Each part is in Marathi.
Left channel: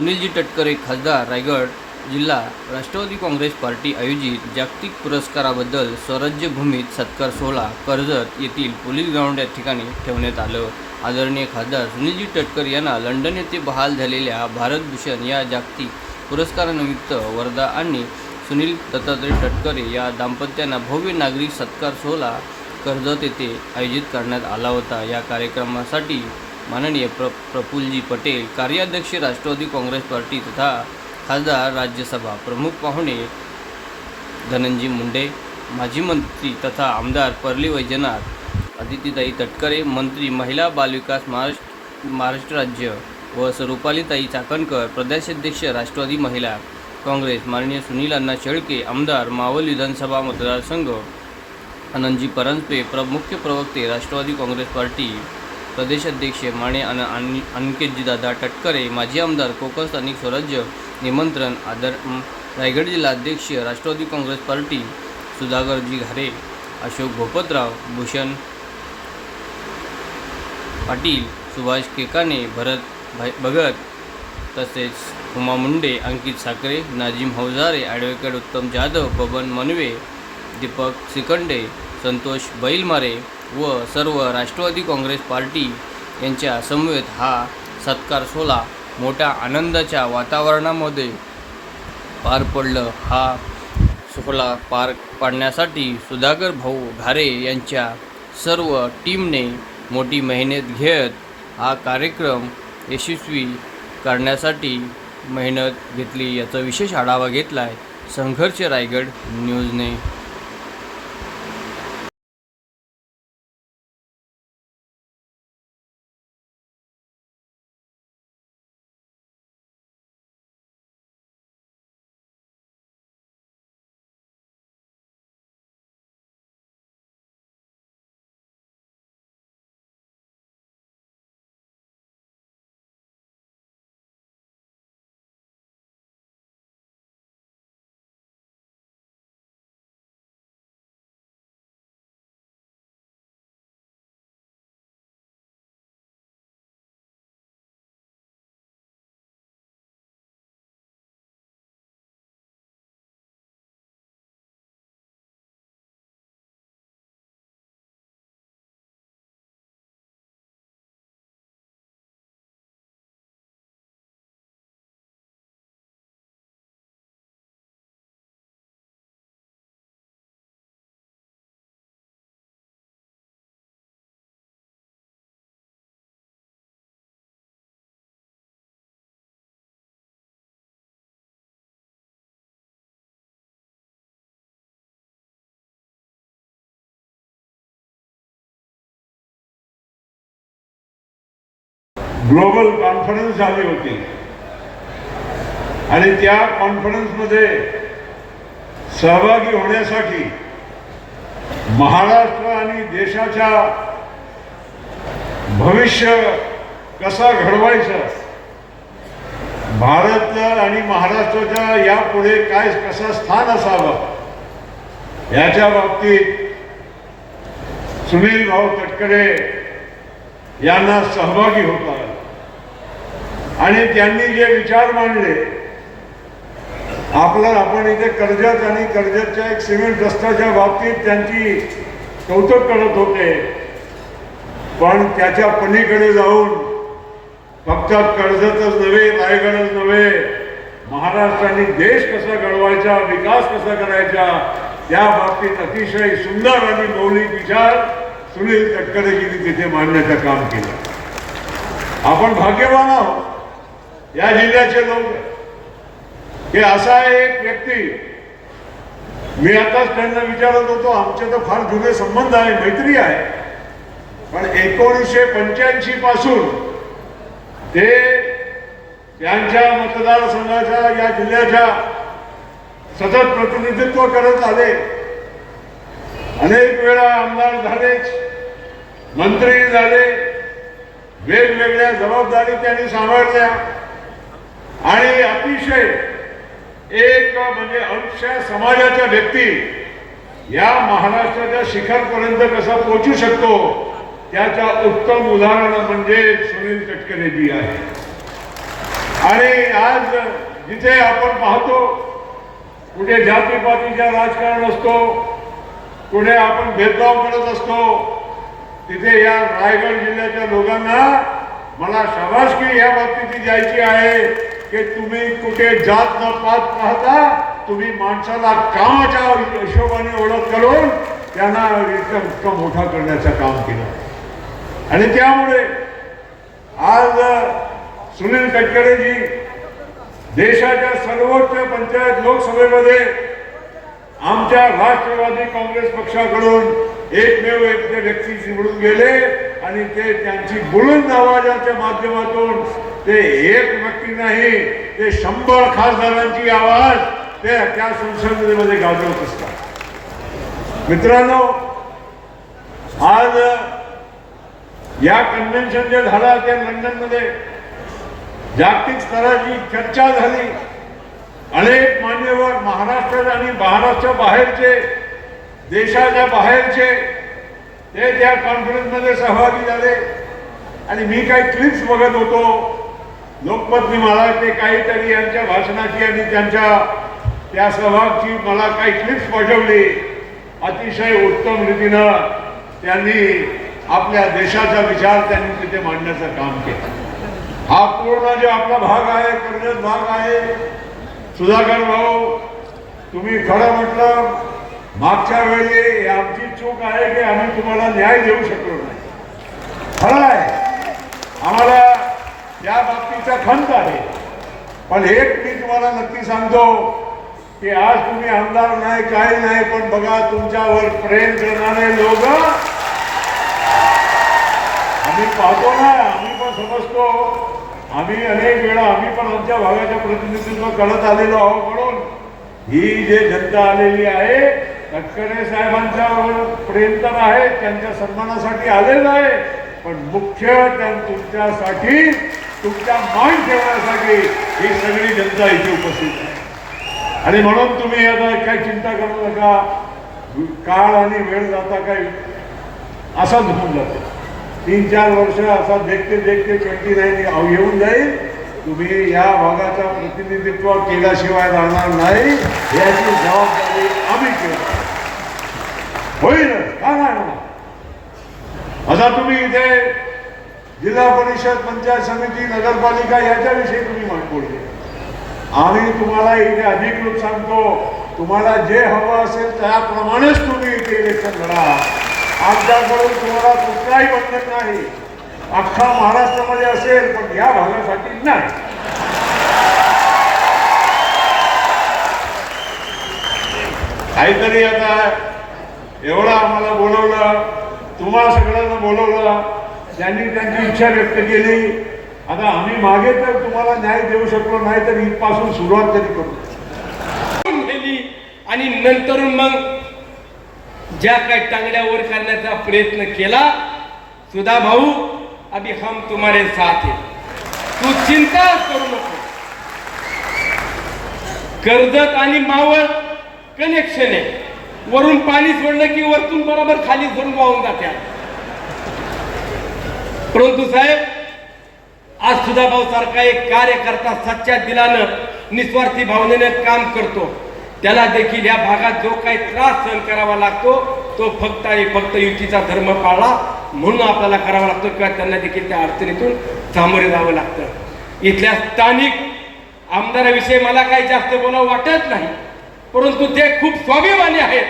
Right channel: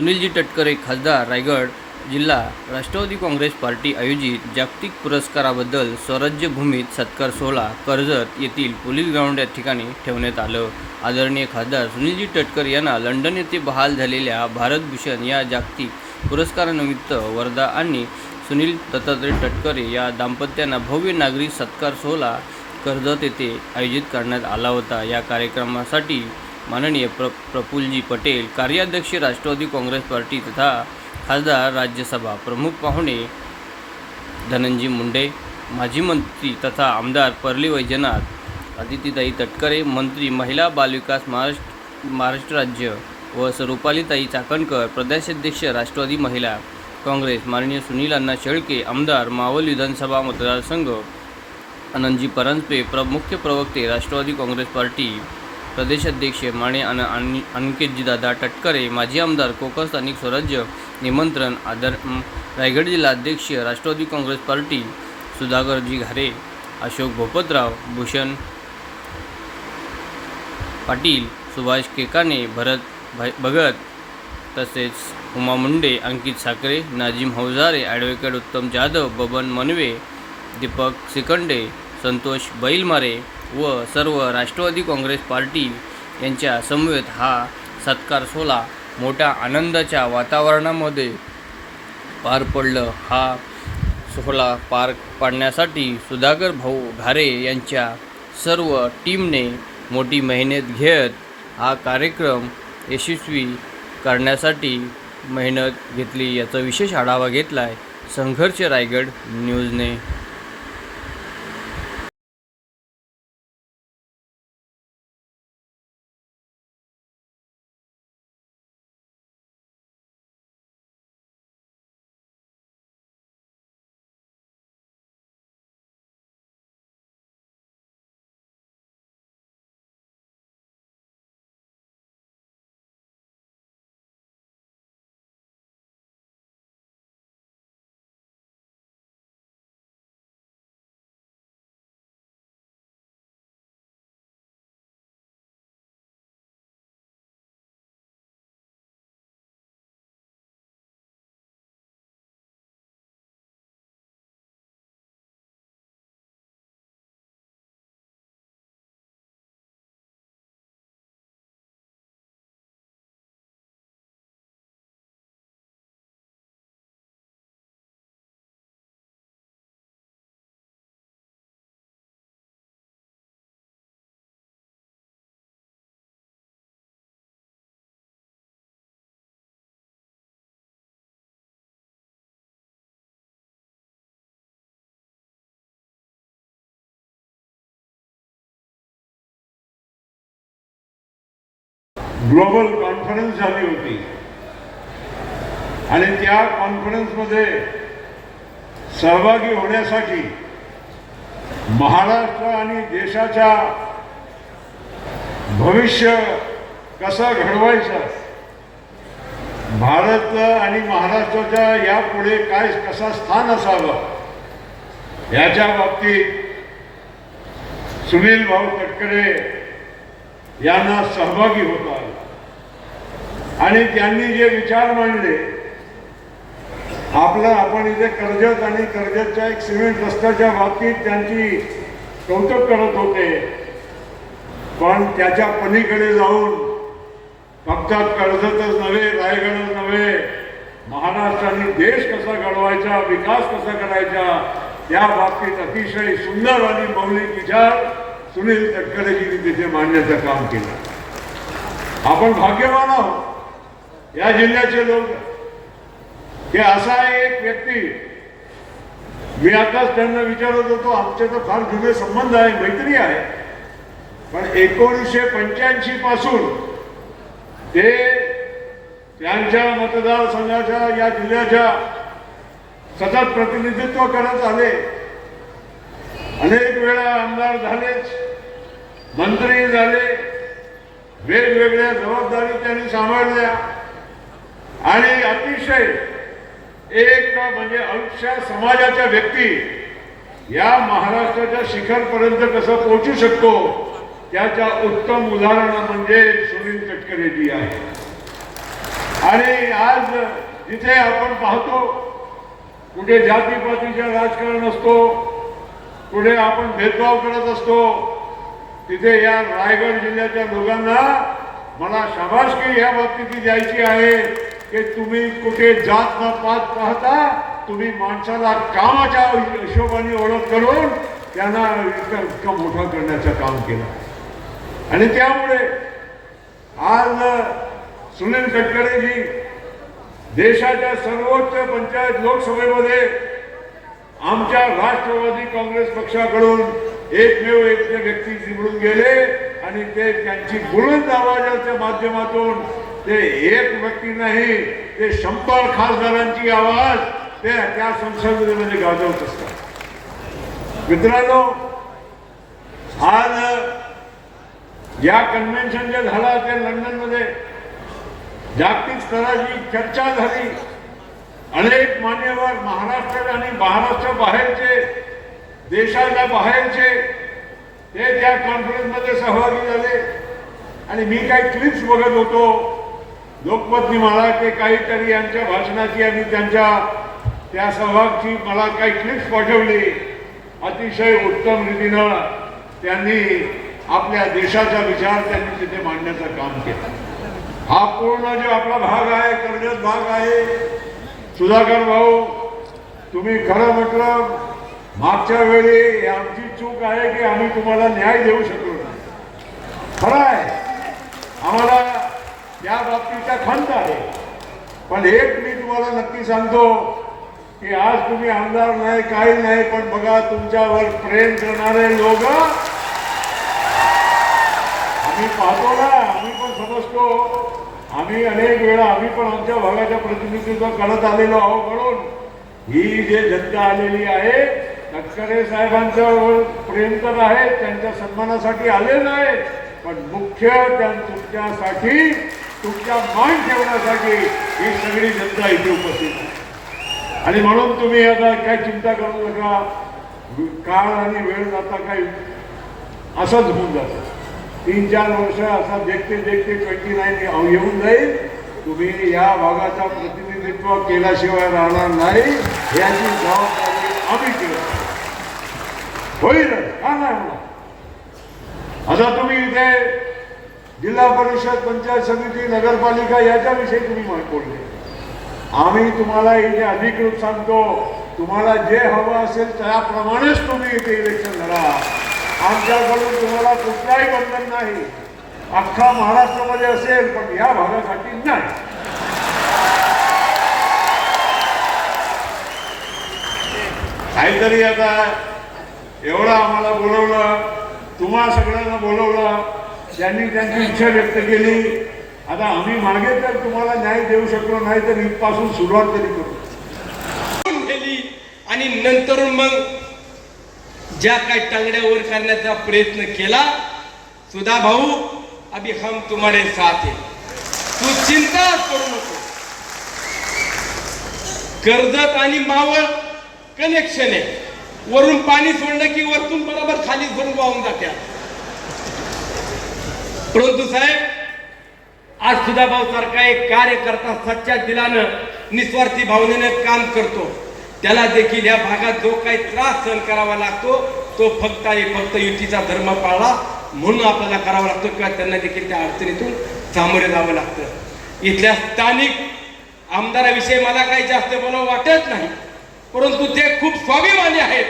सुनीलजी तटकरे खासदार रायगड जिल्हा राष्ट्रवादी काँग्रेस पार्टी आयोजित जागतिक पुरस्काराबद्दल स्वराज्यभूमीत सत्कार सोहळा कर्जत येथील पोलीस ग्राउंड या ठिकाणी ठेवण्यात आलं. आदरणीय खासदार सुनीलजी तटकर यांना लंडन येथे बहाल झालेल्या भारतभूषण या जागतिक पुरस्कारानिमित्त वर्धा आणि सुनील दत्तात्रय तटकरे या दाम्पत्यांना भव्य नागरिक सत्कार सोहळा कर्जत येथे आयोजित करण्यात आला होता. या कार्यक्रमासाठी माननीय प्र प्रफुल्लजी पटेल कार्याध्यक्ष राष्ट्रवादी काँग्रेस पार्टी तथा खासदार राज्यसभा प्रमुख पाहुणे धनंजी मुंडे माजी मंत्री तथा आमदार परली वैजनाथ अदितीताई तटकरे मंत्री महिला बालविकास महाराष्ट्र महाराष्ट्र राज्य व स्वरूपालीताई चाकणकर प्रदेशाध्यक्ष राष्ट्रवादी महिला काँग्रेस माननीय सुनील अण्णा शेळके आमदार मावल विधानसभा मतदारसंघ आनंदजी परांजपे प्र मुख्य प्रवक्ते राष्ट्रवादी काँग्रेस पार्टी प्रदेशाध्यक्ष माने अन आणि अंकितजीदादा दादा माजी आमदार कोकण स्थानिक स्वराज्य निमंत्रण आदर रायगड जिल्हा अध्यक्ष राष्ट्रवादी काँग्रेस पार्टी सुधाकरजी घारे अशोक भोपतराव भूषण पाटील सुभाष केकाने भरत भाई भगत तसेच उमा मुंडे अंकित साखरे नाजिम हौजारे ॲडव्होकेट उत्तम जाधव बबन मनवे दीपक सिकंडे संतोष बैलमारे व सर्व राष्ट्रवादी काँग्रेस पार्टी यांच्या समवेत हा सत्कार सोहळा मोठ्या आनंदाच्या वातावरणामध्ये पार पडलं. हा सोहळा पार पाडण्यासाठी सुधाकर भाऊ घारे यांच्या सर्व टीमने मोठी मेहनत घेत हा कार्यक्रम यशस्वी करण्यासाठी मेहनत घेतली. याचा विशेष आढावा घेतला आहे संघर्ष रायगड न्यूजने. ग्लोबल कॉन्फरन्स झाली होती. आणि त्या कॉन्फरन्समध्ये सहभागी होण्यासाठी महाराष्ट्र आणि देशाच्या भविष्य कसा घडवायचा भारत आणि महाराष्ट्राच्या यापुढे काय कसा स्थान असावं याच्या बाबतीत सुनील भाऊ तटकरे यांना सहभागी होता आणि त्यांनी जे विचार मांडले आपला आपण इथे कर्जत आणि कर्जतच्या एक सिमेंट रस्त्याच्या बाबतीत त्यांची कौतुक करत होते. पण त्याच्या पलीकडे जाऊन फक्त कर्जतच नव्हे रायगडच नव्हे महाराष्ट्राने देश कसा घडवायचा विकास कसा करायचा त्या बाबतीत अतिशय सुंदर आणि मौलिक विचार सुनील तटकरेजींनी तिथे मांडण्याचं काम केलं. आपण भाग्यवान आहोत. या जिल्ह्याचे लोक की असा एक व्यक्ती मी आताच त्यांना विचारत होतो आमचे तर फार जुने संबंध आहे मैत्री आहे. पण एकोणीसशे पंच्याऐंशी पासून ते त्यांच्या मतदारसंघाच्या या जिल्ह्याच्या सतत प्रतिनिधित्व करत आले. अनेक वेळा आमदार झालेच मंत्री झाले वेगवेगळ्या जबाबदारी त्यांनी सांभाळल्या. आणि अतिशय एक म्हणजे अंश समाजाच्या व्यक्ती या महाराष्ट्राच्या शिखरपर्यंत कसं पोहोचू शकतो त्याच्या उत्तम उदाहरण म्हणजे सुनील तटकरेजी आहे. आणि आज जिथे आपण पाहतो कुठे जातीपातीचा राजकारण असतो कुठे आपण भेदभाव करत असतो तिथे या रायगड जिल्ह्याच्या लोकांना मला शाबासकी या बाबतीत द्यायची आहे. की तुम्ही कुठे जात न पात पाहता तुम्ही माणसाला कामाच्या हिशोबाने ओळख करून त्यांना इतका इतकं मोठा करण्याचं काम केलं. आणि त्यामुळे आज सुनील तटकरेजी देशाच्या सर्वोच्च पंचायत लोकसभेमध्ये आमच्या राष्ट्रवादी काँग्रेस पक्षाकडून एकमेव एक व्यक्ती निवडून गेले आणि ते त्यांची बुलंद आवाजाच्या माध्यमातून ते एक व्यक्ती नाही ते शंभर खासदारांची आवाज ते त्या संसदेमध्ये गाजवत असतात. मित्रांनो आज या कन्व्हेन्शन जे झाला त्या लंडनमध्ये जागतिक स्तराची चर्चा झाली. अनेक मान्यवर महाराष्ट्र आणि महाराष्ट्र बाहेरचे देशाच्या बाहेरचे ते त्या कॉन्फरन्समध्ये सहभागी झाले. आणि मी काही क्लिप्स बघत होतो. लोकमतनी मला ते काहीतरी यांच्या भाषणाची आणि त्यांच्या त्या सहभागची मला काही क्लिप्स पाठवली. अतिशय उत्तम रीतीनं त्यांनी आपल्या देशाचा विचार त्यांनी तिथे मांडण्याचं काम केलं. हा पूर्ण जे आपला भाग आहे कर्जत भाग आहे सुधाकर भाऊ तुम्ही खरं म्हटलं मागच्या वेळी आमची चूक आहे की आम्ही तुम्हाला न्याय देऊ शकलो नाही. खरं आहे. आम्हाला त्या बाबतीचा खंत आहे. पण एक मी तुम्हाला नक्की सांगतो की आज तुम्ही आमदार नाही काही नाही पण बघा तुमच्यावर प्रेम करणारे लोक आम्ही पाहतो ना आम्ही पण समजतो. आम्ही अनेक वेळा आम्ही पण आमच्या भागाच्या प्रतिनिधित्व करत आलेलो आहोत म्हणून. ही जे जनता आलेली आहे तटकरे साहेबांचं प्रेम तर आहे त्यांच्या सन्मानासाठी आलेलं आहे पण मुख्य त्या तुमच्यासाठी तुमचा मान ठेवण्यासाठी ही सगळी जनता इथे उपस्थित आहे. आणि म्हणून तुम्ही आता काय चिंता करू नका. काळ आणि वेळ जाता काय असाच होऊन जातो. तीन चार वर्ष असा देखते देखते ट्वेंटी नाईन येऊन जाईल. तुम्ही या भागाचा प्रतिनिधित्व केल्याशिवाय राहणार नाही. याची जबाबदारी आम्ही केली होईल. का नाही आता तुम्ही इथे जिल्हा परिषद पंचायत समिती नगरपालिका याच्याविषयी तुम्ही बोलले आम्ही तुम्हाला इथे अधिकृत सांगतो तुम्हाला जे हवं असेल त्याप्रमाणेच तुम्ही इथे इलेक्शन लढा. आमच्याकडून तुम्हाला कुठलाही बंधन नाही. अख्खा महाराष्ट्रामध्ये असेल पण या भागासाठी नाही. काहीतरी आता एवढं आम्हाला बोलवलं तुम्हाला सगळ्यांना बोलवलं त्यांनी त्यांची इच्छा व्यक्त केली. आता आम्ही मागे तर तुम्हाला न्याय देऊ शकलो नाही तर इथपासून सुरुवात तरी करू. केली आणि नंतर मग ज्या काही टांगड्यावर करण्याचा प्रयत्न केला सुधा भाऊ अभी हम तुम्हारे साथ है तू चिंता करू नको. कर्जत आणि मावळ कनेक्शन आहे. वरून पाणी सोडलं की वरतून बरोबर खाली सोडून वाहून जात्या. परंतु साहेब आज सुधा सारखा एक कार्यकर्ता सच्च्या दिलानं निस्वार्थी भावनेने काम करतो. त्याला देखील या भागात जो काही त्रास सहन करावा लागतो तो फक्त आणि फक्त युतीचा धर्म पाळला म्हणून आपल्याला करावा लागतो किंवा त्यांना देखील त्या अडचणीतून सामोरे जावं लागतं. इथल्या स्थानिक आमदाराविषयी मला काही जास्त बोलावं वाटत नाही परंतु ते खूप स्वाभिमानी आहेत.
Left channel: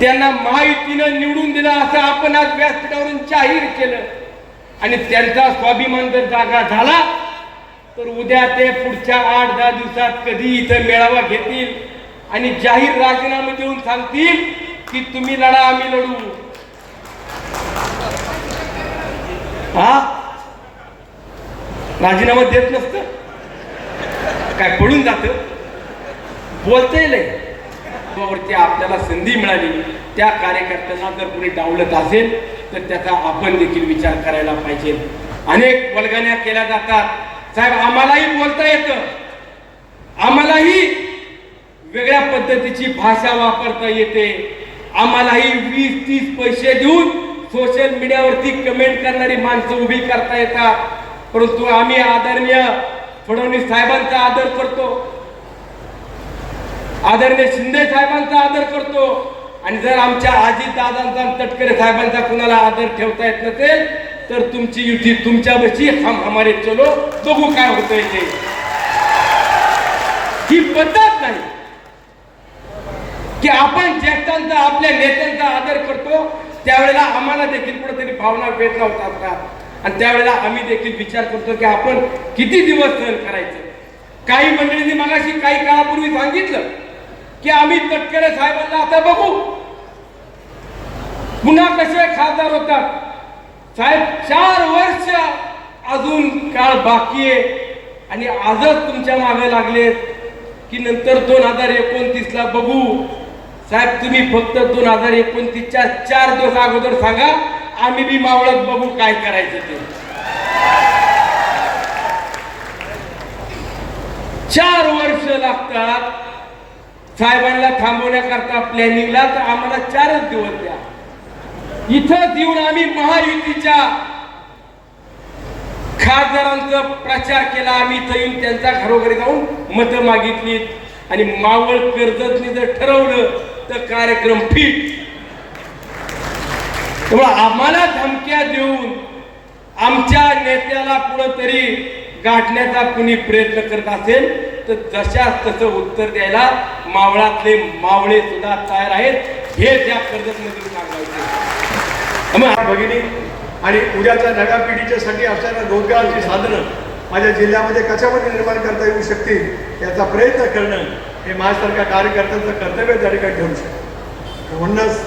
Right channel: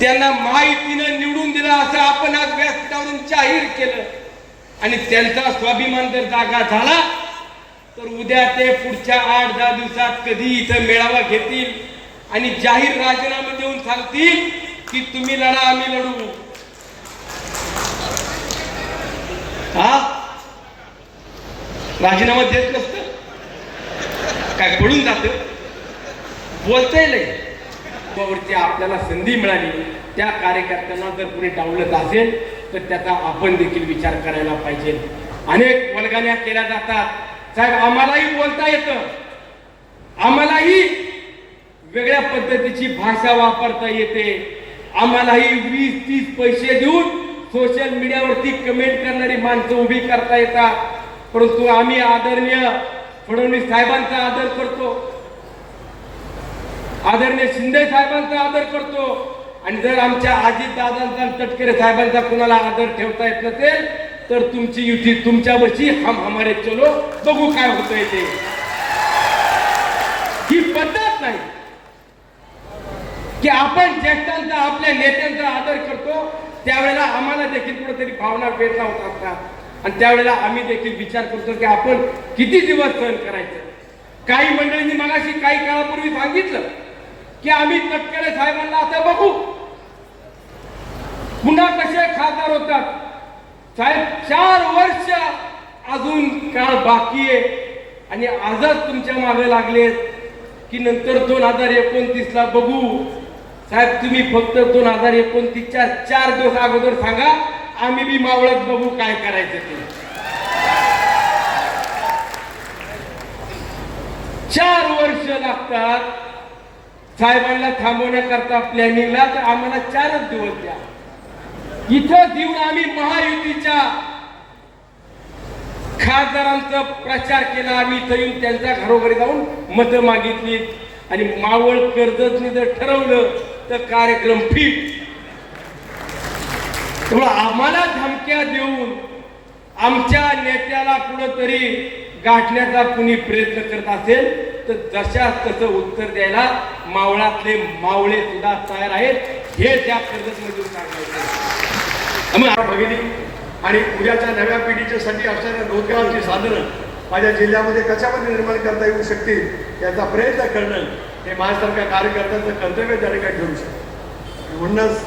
त्यांना माहितीनं निवडून दिलं असं आपण आज व्यासपीठावरून जाहीर केलं. आणि त्यांचा स्वाभिमान जर जागा झाला तर उद्या ते पुढच्या आठ दहा दिवसात कधी इथं मेळावा घेतील आणि जाहीर राजीनामे देऊन सांगतील की तुम्ही लढा आम्ही लढू. हा? राजीनामा देत नसतं? काय पडून जात? बोलता नाही वरती आपल्याला संधी मिळाली त्या कार्यकर्त्यांना जर कोणी डावलत असेल तर त्याचा आपण देखील विचार करायला पाहिजे. अनेक वल्गण्या केल्या जातात. साहेब आम्हालाही बोलता येतं. आम्हालाही वेगळ्या पद्धतीची भाषा वापरता येते. आम्हालाही वीस तीस पैसे देऊन सोशल मीडियावरती कमेंट करणारी माणसं उभी करता येतात. परंतु आम्ही आदरणीय फडणवीस साहेबांचा आदर करतो. आदरणीय शिंदे साहेबांचा आदर करतो. आणि जर आमच्या आजी दादांचा आणि तटकरे साहेबांचा कुणाला आदर ठेवता येत नसेल तर तुमची युती तुमच्या बशी हम हमारे चलो. बघू काय होतंय ते. ही पद्धत नाही. की आपण ज्येष्ठांचा आपल्या नेत्यांचा आदर करतो त्यावेळेला आम्हाला देखील कुठेतरी भावना वेदना होत असतात आणि त्यावेळेला आम्ही देखील विचार करतो की आपण किती दिवस सहन करायचं? काही मंडळींनी मगाशी काही काळापूर्वी सांगितलं की आम्ही तटकरे साहेबांना आता बघू. पुन्हा कसे खासदार होतात. साहेब चार वर्ष अजून काळ बाकी आहे. आणि आजच तुमच्या मागे लागलेत की नंतर दोन हजार एकोणतीस ला बघू. साहेब तुम्ही फक्त दोन हजार एकोणतीसच्या चार दिवस अगोदर सांगा आम्ही बी मावळत बघू काय करायचं ते. चार वर्ष लागतात. साहेबांना थांबवण्याकरता प्लॅनिंगला तर आम्हाला चारच दिवस द्या. इथं देऊन आम्ही महायुतीच्या खासदारांचा प्रचार केला. आम्ही इथं येऊन त्यांच्या घरोघरी जाऊन मतं मागितली. आणि मावळ कर्जतने जर ठरवलं तर कार्यक्रम फिट तेव्हा आम्हाला धमक्या देऊन आमच्या नेत्याला कुठंतरी गाठण्याचा कुणी प्रयत्न करत असेल तर जशा तसं उत्तर द्यायला मावळातले मावळे सुद्धा तयार आहेत. हे त्या कर्जतमधून सांगायचे मग भगिनी. आणि उद्याच्या नव्या पिढीच्यासाठी असणाऱ्या रोजगारची साधनं माझ्या जिल्ह्यामध्ये कशामध्ये निर्माण करता येऊ शकतील याचा प्रयत्न करणं हे माझ्यासारख्या कार्यकर्त्यांचं कर्तव्य त्या ठिकाणी ठेवू शकतो म्हणूनच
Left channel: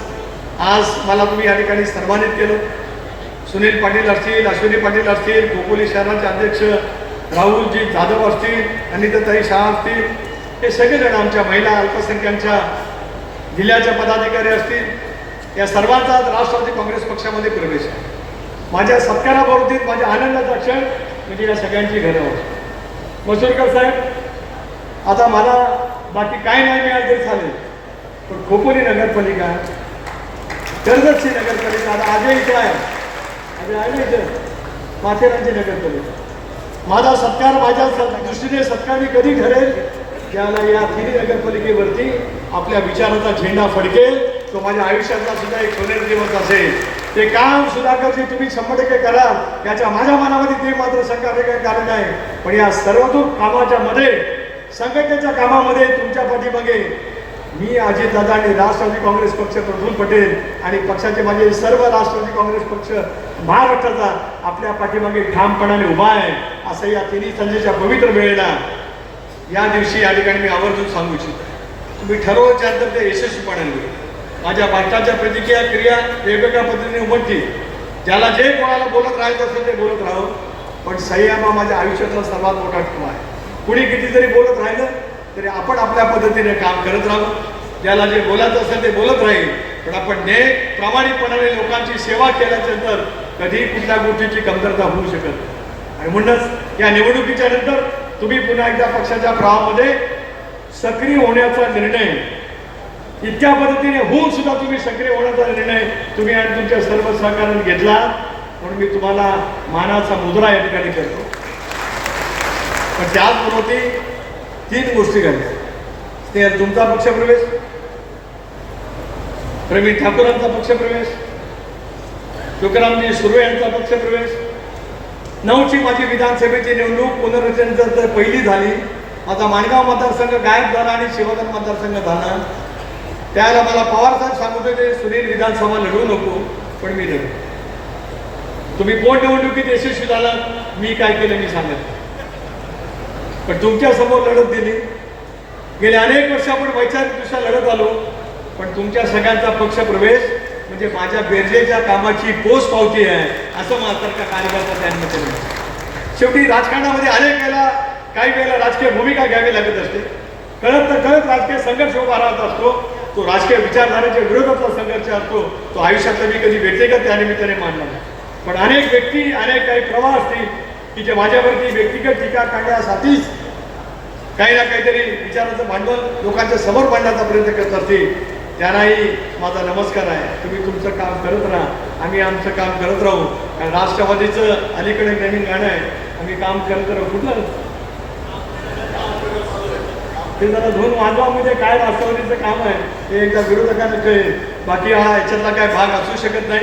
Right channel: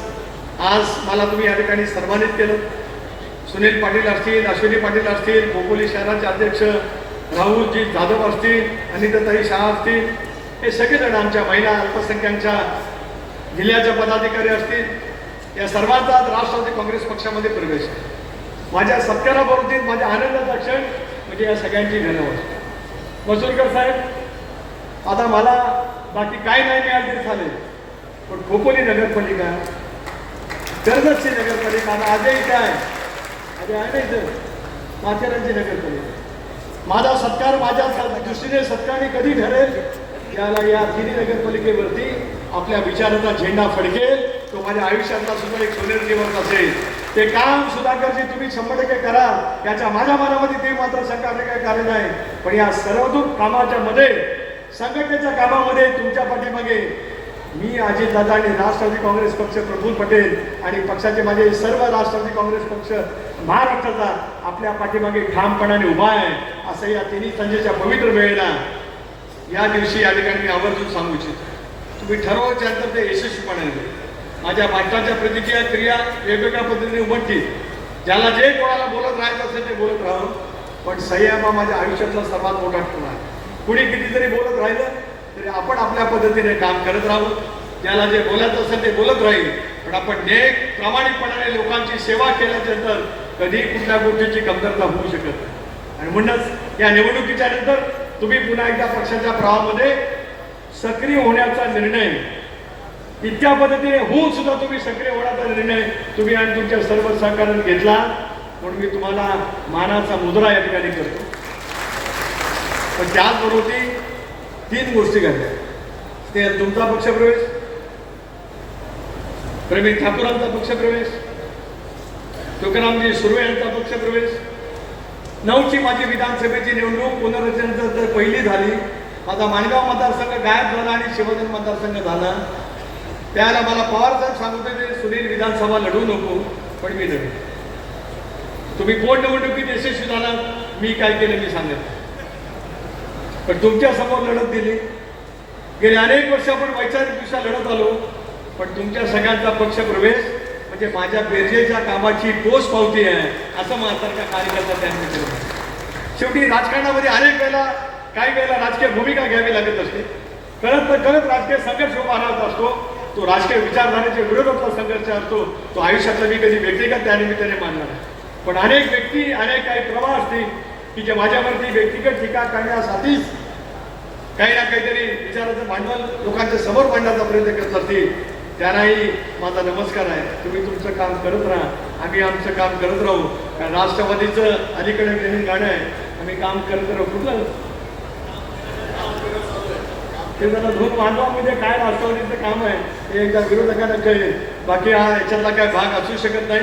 आज मला तुम्ही या ठिकाणी सन्मानित केलं. सुनील पाटील असतील अश्विनी पाटील असतील गोकुली शहराचे अध्यक्ष राहुलजी जाधव असतील अनिताताई शाह असतील हे सगळेजण आमच्या महिला अल्पसंख्यांच्या जिल्ह्याच्या पदाधिकारी असतील. या सर्वांचा राष्ट्रवादी काँग्रेस पक्षामध्ये प्रवेश आहे. माझ्या सत्काराबाबतीत माझ्या आनंदाचा क्षण म्हणजे या सगळ्यांची घरं होती. मसूरकर साहेब आता मला बाकी काय नाही मिळाले झाले चालेल. पण खोपोली नगरपालिका कर्जतची नगरपालिका आजही इथे आहे. आधी आहे माथेरानची नगरपालिका. माझा सत्कार माझ्या दृष्टीने सत्कार मी कधी ठरेल? ज्याला या तिन्ही नगरपालिकेवरती आपल्या विचाराचा झेंडा फडकेल तो माझ्या आयुष्याचा सुद्धा एक पुनर्दिवस असेल. ते काम सुधाकरजी तुम्ही शंभर टक्के करा. याच्या माझ्या मनामध्ये ते मात्र शंका काही कारण नाही. पण या सर्वतूक कामाच्या मध्ये संघटनेच्या कामामध्ये तुमच्या पाठीमागे मी अजितदादा आणि राष्ट्रवादी काँग्रेस पक्ष प्रफुल पटेल आणि पक्षाचे माझे सर्व राष्ट्रवादी काँग्रेस पक्ष महाराष्ट्राचा आपल्या पाठीमागे ठामपणाने उभा आहे. असं या तिन्ही संजेच्या पवित्र वेळेला या दिवशी या ठिकाणी मी आवर्जून सांगू इच्छितो. तुम्ही ठरवल्यानंतर ते यशस्वीपणे होईल माझ्या भारताच्या प्रतिक्रिया क्रिया वेगवेगळ्या पद्धतीने उमटतील. ज्याला जे कोणाला बोलत राहायचं असेल ते बोलत राहू. पण संयम माझ्या आयुष्यातला सर्वात मोठा खुणा आहे. कुणी कितीतरी बोलत राहिलं तरी आपण आपल्या पद्धतीने काम करत राहू. ज्याला जे बोलायचं असेल ते बोलत राहील. पण आपण नेक प्रामाणिकपणाने लोकांची सेवा केल्याच्यानंतर कधी कुठल्या गोष्टीची कमतरता होऊ शकत नाही. आणि म्हणूनच या निवडणुकीच्या नंतर तुम्ही पुन्हा एकदा पक्षाच्या प्रवाहामध्ये सक्रिय होण्याचा निर्णय इतक्या पद्धतीने होऊन सुद्धा तुम्ही सक्रिय होण्याचा निर्णय तुम्ही आणि तुमच्या सर्व सहकार्यात घेतला. म्हणून मी तुम्हाला मानाचा मुद्रा या ठिकाणी करतो. पण त्याचबरोबर तीन गोष्टी घडल्या ते तुमचा पक्षप्रवेश प्रवीण ठाकूरांचा पक्षप्रवेश तुकारामजी सुर्वे यांचा पक्षप्रवेश नऊची माझी विधानसभेची निवडणूक पुनर्रचनेनंतर जर पहिली झाली माझा माणगाव मतदारसंघ गायब झाला आणि शिवधन मतदारसंघ झाला. त्याला मला पवार साहेब सांगत होते सुनील विधानसभा लढवू नको पण मी लढू. तुम्ही पोटनिवडणुकीत यशस्वी झाला मी काय केलं मी सांगत पण तुमच्यासमोर लढत दिली. गेल्या अनेक वर्ष आपण वैचारिकदृष्ट्या लढत आलो पण तुमच्या सगळ्यांचा पक्ष प्रवेश म्हणजे माझ्या बेरजेच्या कामाची पोच पावती आहे असं माझ्यासारख्या कार्यकर्ता त्यांनी केलं. शेवटी राजकारणामध्ये अनेक वेळेला काही वेळेला राजकीय भूमिका घ्यावी लागत असते. कळत तर कळत राजकीय संघर्ष उभा राहत असतो. तो राजकीय विचारधारेच्या विरोधातला संघर्ष असतो. तो आयुष्यातला मी कधी व्यक्तिगत त्या निमित्ताने मानला पण अनेक व्यक्ती अनेक काही प्रवाह असतील की जे माझ्यावरती व्यक्तिगत टीका करण्यासाठीच काही ना काहीतरी विचाराचं भांडवल लोकांच्या समोर मांडण्याचा प्रयत्न करत असतील. त्यांनाही माझा नमस्कार आहे. तुम्ही तुमचं काम करत राहा. आम्ही आमचं काम करत राहू. कारण राष्ट्रवादीचं अलीकडे नवीन गाणं आहे. आम्ही काम करत राहू. कुठलं ते जरा दोन मानवामध्ये काय राष्ट्रवादीचं काम आहे हे एकदा विरोधकांना कळेल बाकी हा याच्यातला काय भाग असू शकत नाही.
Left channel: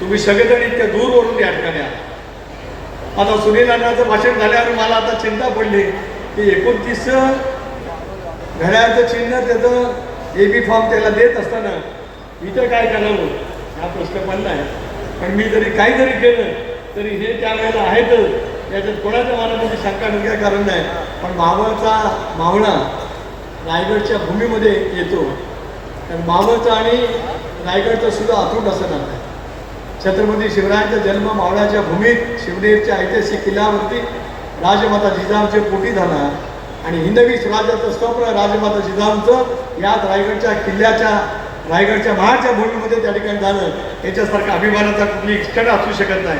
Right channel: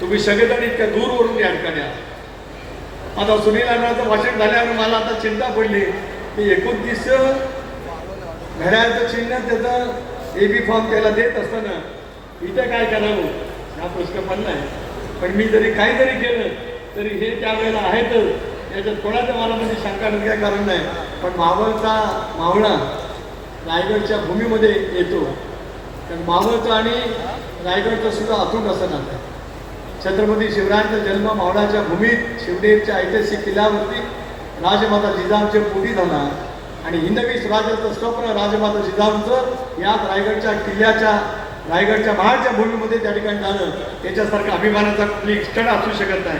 तुम्ही सगळेजण इतक्या दूरवरून या ठिकाणी आहात. आता सुनील अण्णाचं भाषण झाल्यावर मला आता चिंता पडली. की एकोणतीस घड्याळचं चिन्ह त्याचं ए बी फॉर्म त्याला देत असताना इथे काय करावं? हा प्रश्न पडला आहे पण मी जरी काही जरी केलं तरी हे त्यावेळेला आहेतच याच्यात कोणाच्या मनामध्ये शंका नाही कारण नाही. पण मावळचा मावळा रायगडच्या भूमीमध्ये येतो. तर मावळचा आणि रायगडचं सुद्धा अतूट असं नातं आहे. छत्रपती शिवरायांचा जन्म मावळाच्या भूमीत शिवनेरच्या ऐतिहासिक किल्ल्यावरती राजमाता जिजाऊच्या पोटी झाला. आणि हिंदवी स्वराज्याचं स्वप्न राजमाता जिजाऊंचं याच रायगडच्या किल्ल्याच्या रायगडच्या महाडच्या भूमीमध्ये त्या ठिकाणी झालं. याच्यासारखा अभिमानाचा कुठली क्षण असू शकत नाही.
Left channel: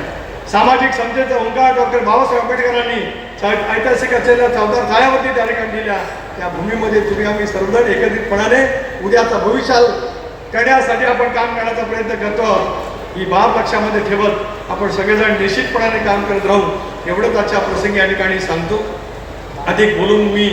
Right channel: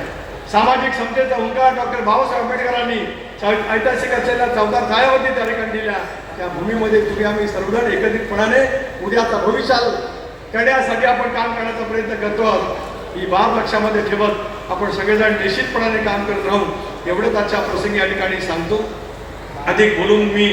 सामाजिक समतेचा हुंकार डॉक्टर बाबासाहेब आंबेडकरांनी ऐतिहासिक असलेल्या चौदा काळावरती त्या ठिकाणी दिल्या. त्या भूमीमध्ये तुम्ही आम्ही सर्वजण एकत्रितपणाने उद्याचा भविष्याल करण्यासाठी आपण काम करण्याचा प्रयत्न करतो. ही बाब लक्षामध्ये ठेवत आपण सगळेजण निश्चितपणाने काम करत राहू. एवढंच आजच्या प्रसंगी या ठिकाणी सांगतो. ਕਹਿੰਦੇ ਗੁਲਮ ਵੀ